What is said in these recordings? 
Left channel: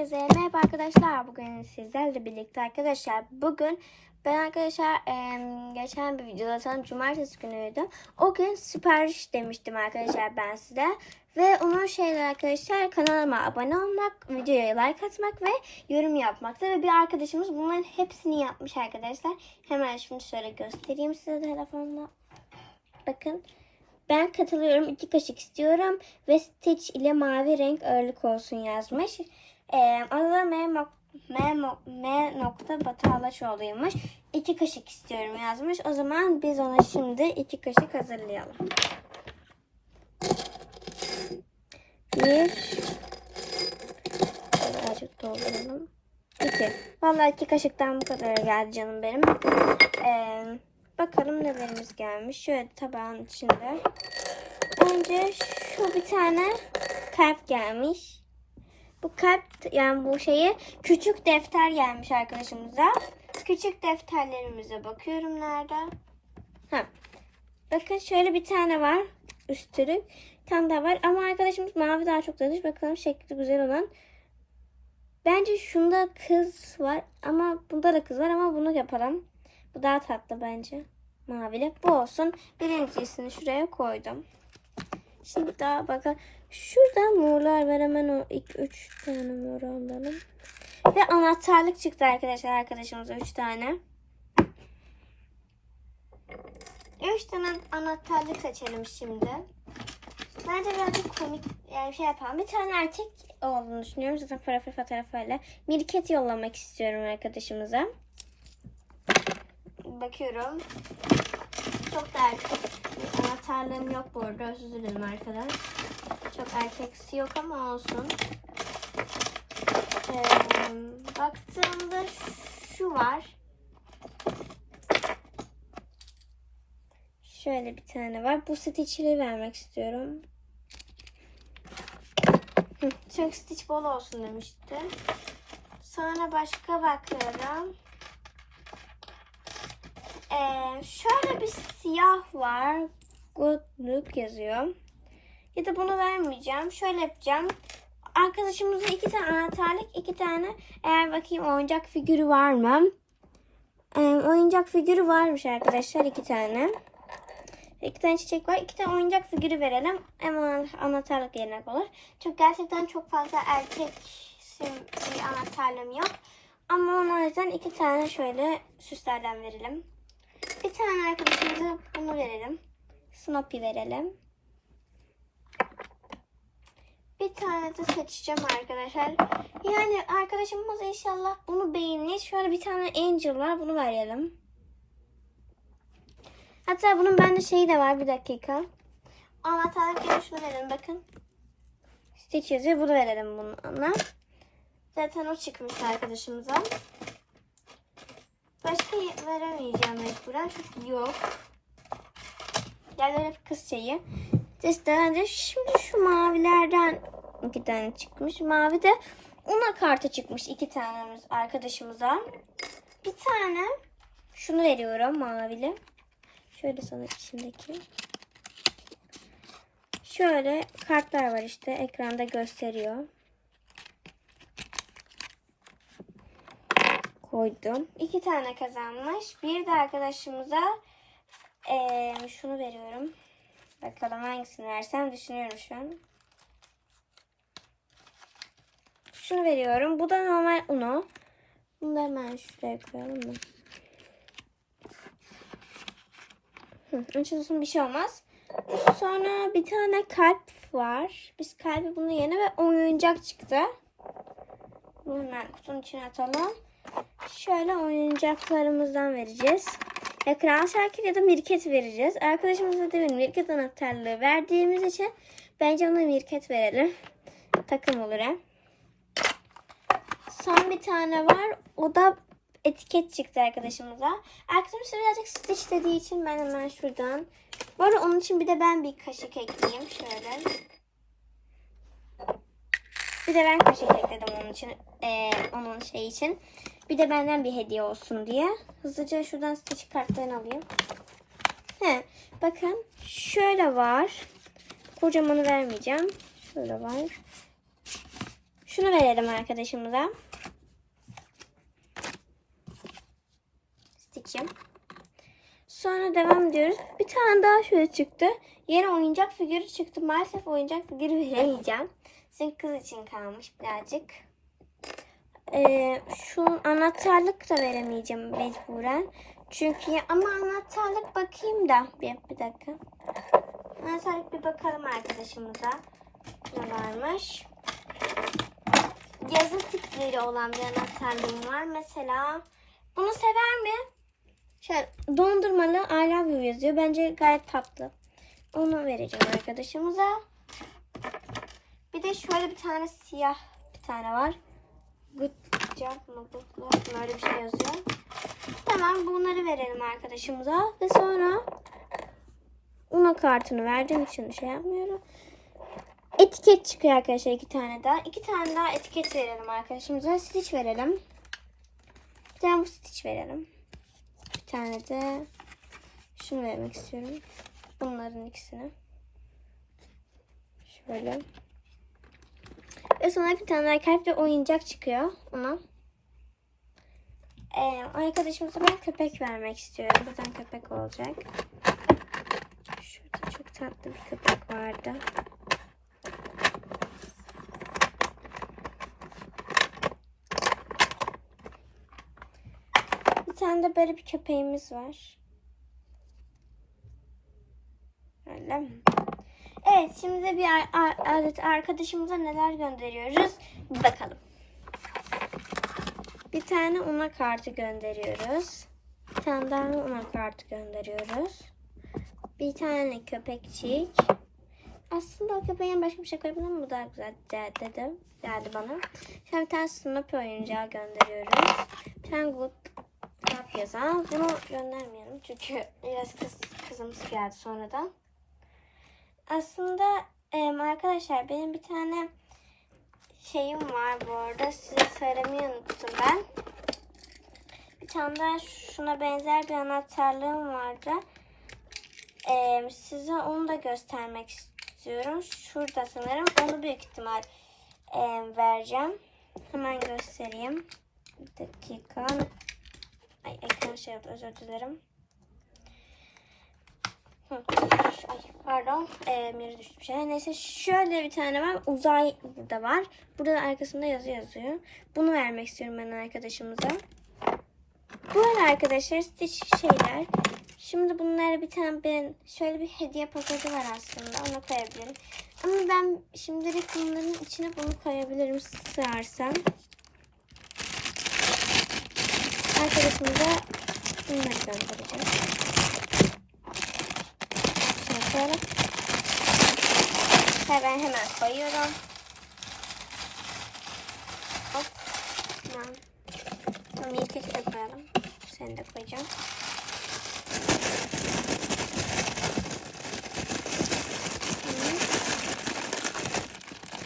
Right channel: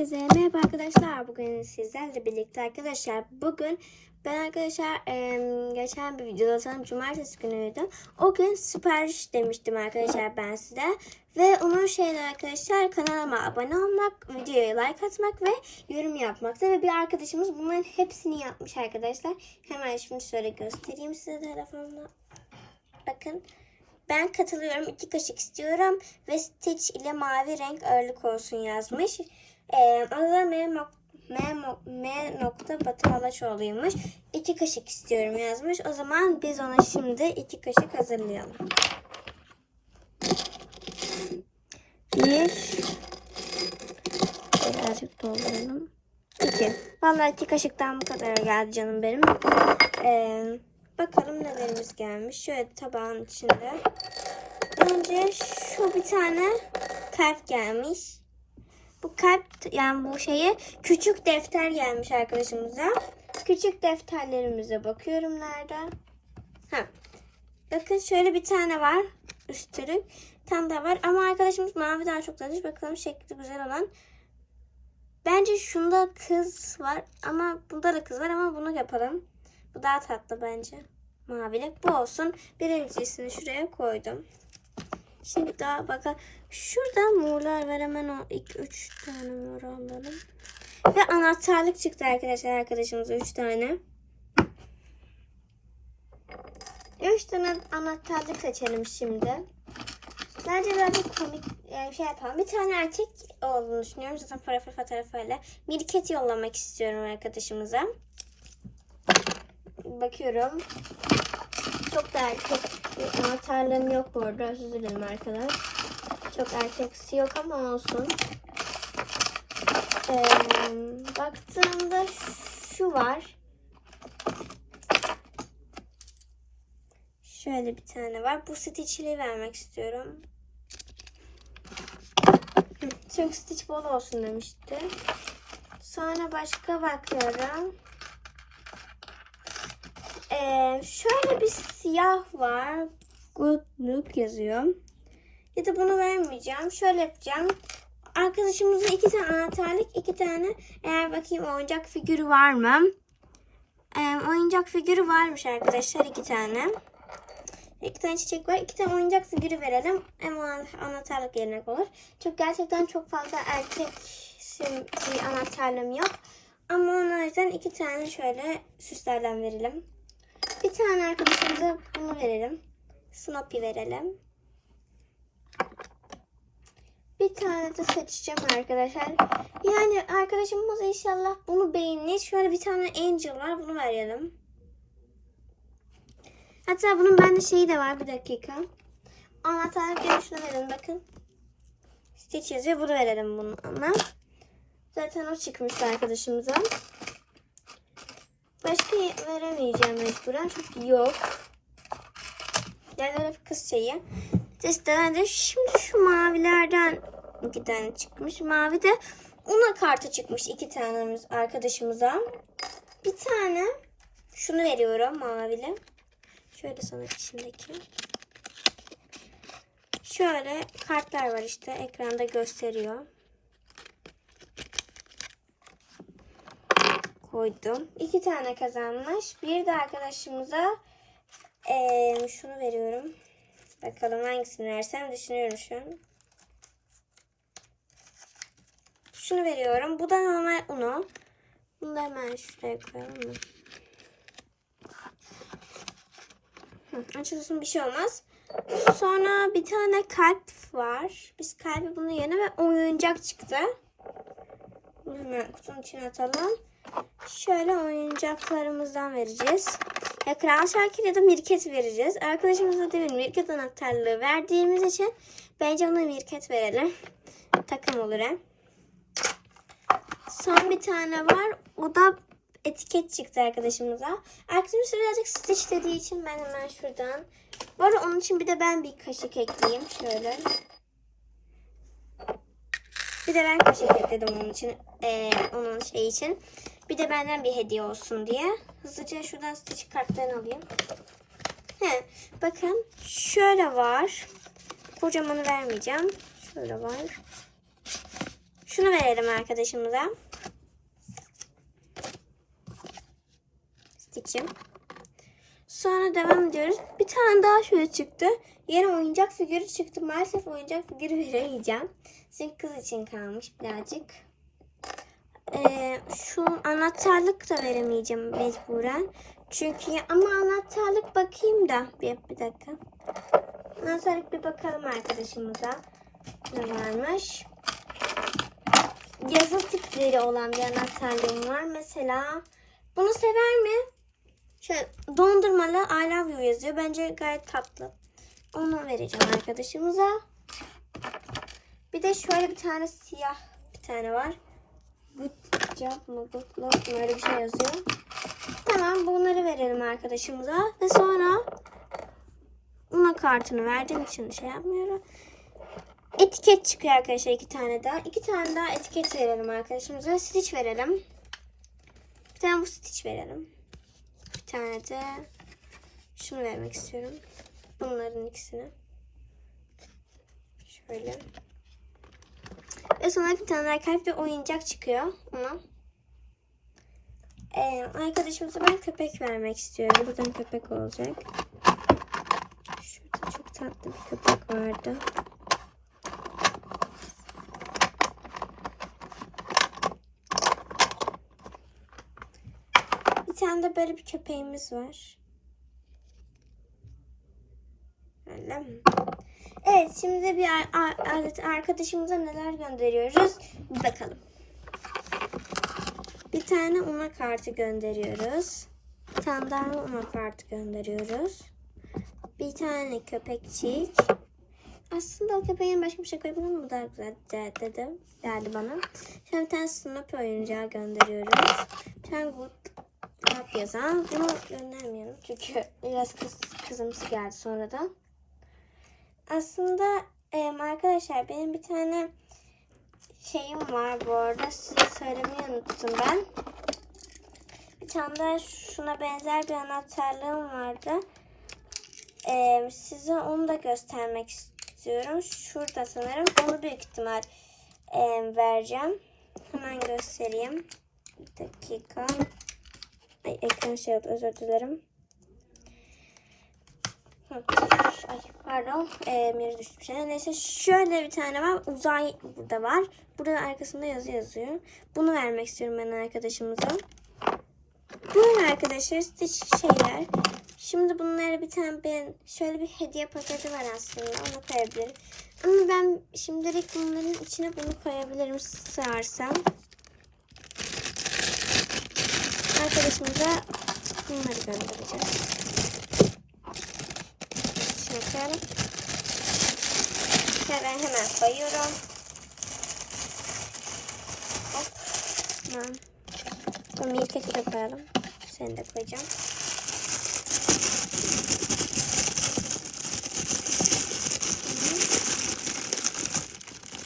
Herkese merhaba arkadaşlar. Bugün sizlerle birlikte arkadaşlar. Bugün ben arkadaşlar em, geçen bir videoda sanırım cumartesi günüydü. O gün sipariş demiştim arkadaşlar ben size. Ve onun şeyler arkadaşlar kanalıma abone olmak, videoya like atmak ve yorum yapmaktı. Ve bir arkadaşımız bunların hepsini yapmış arkadaşlar. Hemen şimdi şöyle göstereyim size telefonla. Bakın. Ben katılıyorum. iki kaşık istiyorum. Ve Stitch ile mavi renk ağırlık olsun yazmış. Ee, adı M, M, M nokta Batı Alaçoğlu'ymuş. İki kaşık istiyorum yazmış. O zaman biz ona şimdi iki kaşık hazırlayalım. Bir. Birazcık dolduralım. İki. Vallahi iki kaşıktan bu kadar geldi canım benim. Ee, bakalım nelerimiz gelmiş. Şöyle tabağın içinde. Önce şu bir tane kalp gelmiş. Bu kalp yani bu şeyi küçük defter gelmiş arkadaşımıza. Küçük defterlerimize bakıyorum nerede? Ha. Bakın şöyle bir tane var. Üstürük. Tane daha var. Ama arkadaşımız mavi daha çok demiş. Bakalım şekli güzel olan. Bence şunda kız var. Ama bunda da kız var ama bunu yapalım. Bu daha tatlı bence. Mavili. Bu olsun. Birincisini şuraya koydum. Şimdi daha bakın. Şurada morlar var hemen o ilk üç tane mor alalım. Ve anahtarlık çıktı arkadaşlar arkadaşımıza üç tane. Üç tane anahtarlık seçelim şimdi. Bence birazcık komik yani şey yapalım. Bir tane erkek olduğunu düşünüyorum. Zaten fotoğrafı fotoğrafıyla. Mirket yollamak istiyorum arkadaşımıza. Bakıyorum. Çok da erkek bir anahtarlığım yok bu arada. Özür dilerim arkadaş. Çok erkeksi yok ama olsun. Ee, baktığımda şu var. Şöyle bir tane var. Bu Stitch'li vermek istiyorum. Çok Stitch bol olsun demişti. Sonra başka bakıyorum. Ee, şöyle bir siyah var. Good look yazıyor. Ya da bunu vermeyeceğim. Şöyle yapacağım. Arkadaşımızın iki tane anahtarlık, iki tane eğer bakayım oyuncak figürü var mı? Ee, oyuncak figürü varmış arkadaşlar iki tane. İki tane çiçek var. iki tane oyuncak figürü verelim. O anahtarlık yerine olur. Çünkü gerçekten çok fazla erkek bir anahtarlığım yok. Ama onun yüzden iki tane şöyle süslerden verelim. Bir tane arkadaşımıza bunu verelim. Snoopy verelim. Bir tane de seçeceğim arkadaşlar. Yani arkadaşımız inşallah bunu beğenir. Şöyle bir tane Angel var. Bunu verelim. Hatta bunun bende şeyi de var. Bir dakika. Anahtarlık yerine şunu verelim. Bakın. Stitch yazıyor. Bunu verelim bununla. Zaten o çıkmıştı arkadaşımıza. Başka veremeyeceğim mecburen çünkü yok. Yerler hep kız şeyi. İşte de şimdi şu mavilerden iki tane çıkmış. Mavi de ona kartı çıkmış iki tanemiz arkadaşımıza. Bir tane şunu veriyorum mavili. Şöyle sana içindeki. Şöyle kartlar var işte ekranda gösteriyor. Koydum. İki tane kazanmış. Bir de arkadaşımıza eee, şunu veriyorum. Bakalım hangisini versem düşünüyorum şu an. Şunu veriyorum. Bu da normal Uno. Bunu da hemen şuraya koyalım? Hı, Açılsın bir şey olmaz. Sonra bir tane kalp var. Biz kalbi bunun yerine ve oyuncak çıktı. Bunu hemen kutunun içine atalım. Şöyle oyuncaklarımızdan vereceğiz. Ya Kral Şakir ya da Mirket vereceğiz. Arkadaşımıza demin Mirket anahtarlığı verdiğimiz için bence ona Mirket verelim. Takım olur hem. Son bir tane var. O da etiket çıktı arkadaşımıza. Arkadaşımız birazcık Stitch dediği için ben hemen şuradan. Arada onun için bir de ben bir kaşık ekleyeyim. Şöyle. Bir de ben kaşık ekledim onun için. Ee, onun şey için. Bir de benden bir hediye olsun diye. Hızlıca şuradan Stitch kartlarını alayım. He, bakın şöyle var. Kocamanı vermeyeceğim. Şöyle var. Şunu verelim arkadaşımıza. Stitch'im. Sonra devam ediyoruz. Bir tane daha şöyle çıktı. Yeni oyuncak figürü çıktı. Maalesef oyuncak figürü veremeyeceğim. Senin kız için kalmış birazcık. Ee, şu anahtarlık da veremeyeceğim mecburen. Çünkü ama anahtarlık bakayım da. Bir, bir dakika. Anahtarlık bir bakalım arkadaşımıza. Ne varmış? Yazı tipleri olan bir anahtarlığım var. Mesela bunu sever mi? Şöyle dondurmalı I love you yazıyor. Bence gayet tatlı. Onu vereceğim arkadaşımıza. Bir de şöyle bir tane siyah bir tane var. Good job? Öyle bir şey yazıyor. Tamam bunları verelim arkadaşımıza. Ve sonra Una kartını verdiğim için şey yapmıyorum. Etiket çıkıyor arkadaşlar iki tane daha. İki tane daha etiket verelim arkadaşımıza. Stitch verelim. Bir tane bu stitch verelim. Bir tane de şunu vermek istiyorum. Bunların ikisini. Şöyle. Ve sonra bir tane kalp ve oyuncak çıkıyor ona. Ee, arkadaşımıza ben köpek vermek istiyorum. Buradan köpek olacak. Şurada çok tatlı bir köpek vardı. Bir tane de böyle bir köpeğimiz var. Öyle mi? Evet şimdi de bir ar- arkadaşımıza neler gönderiyoruz bir bakalım. Bir tane una kartı gönderiyoruz. Bir tane daha una kartı gönderiyoruz. Bir tane köpekçik. Aslında o köpeğin başka bir şey koyabilirim ama daha güzel de- dedim. Geldi bana. Şimdi bir tane Snoopy oyuncağı gönderiyoruz. Bir tane Good yazan. Bunu göndermeyelim çünkü biraz kız, kızımsı geldi sonradan. Aslında arkadaşlar benim bir tane şeyim var bu arada. Size söylemeyi unuttum ben. Bir tane daha şuna benzer bir anahtarlığım vardı. Em, size onu da göstermek istiyorum. Şurada sanırım. Onu büyük ihtimal em, vereceğim. Hemen göstereyim. Bir dakika. Ay ekran şey oldu, özür dilerim. Ay pardon. Ee, miri düştü bir şey. Neyse şöyle bir tane var. Uzay burada var. Burada da arkasında yazı yazıyor. Bunu vermek istiyorum ben arkadaşımıza. Böyle arkadaşlar stitch şeyler. Şimdi bunları bir tane ben şöyle bir hediye paketi var aslında. Onu koyabilirim. Ama ben şimdilik bunların içine bunu koyabilirim sığarsam. Arkadaşımıza bunları göndereceğiz. Koyalım. Hemen hemen koyuyorum. Hop. Tamam. Bu milketi de koyalım. Seni de koyacağım.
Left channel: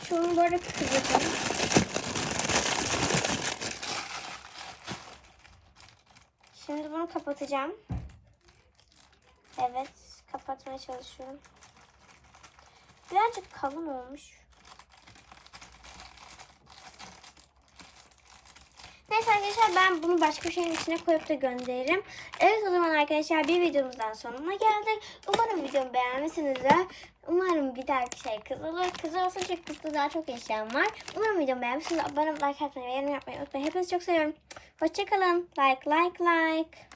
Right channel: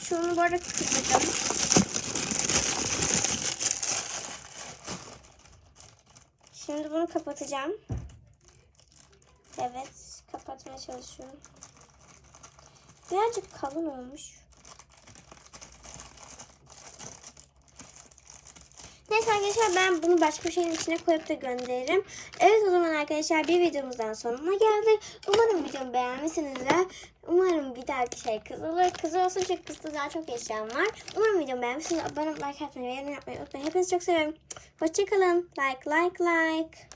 Şunu böyle kıvırdım. Şimdi bunu kapatacağım. Evet, kapatmaya çalışıyorum. Birazcık kalın olmuş. Neyse arkadaşlar ben bunu başka bir şeyin içine koyup da gönderirim. Evet o zaman arkadaşlar bir videomuzdan sonuna geldik. Umarım videomu beğenmişsinizdir. Umarım bir dahaki şey kız olur. Olsun çünkü kızda daha çok eşyam var. Umarım videomu beğenmişsiniz. Abone olmayı, like atmayı ve yorum yapmayı unutmayın. Hepinizi çok seviyorum. Hoşçakalın. Like like like.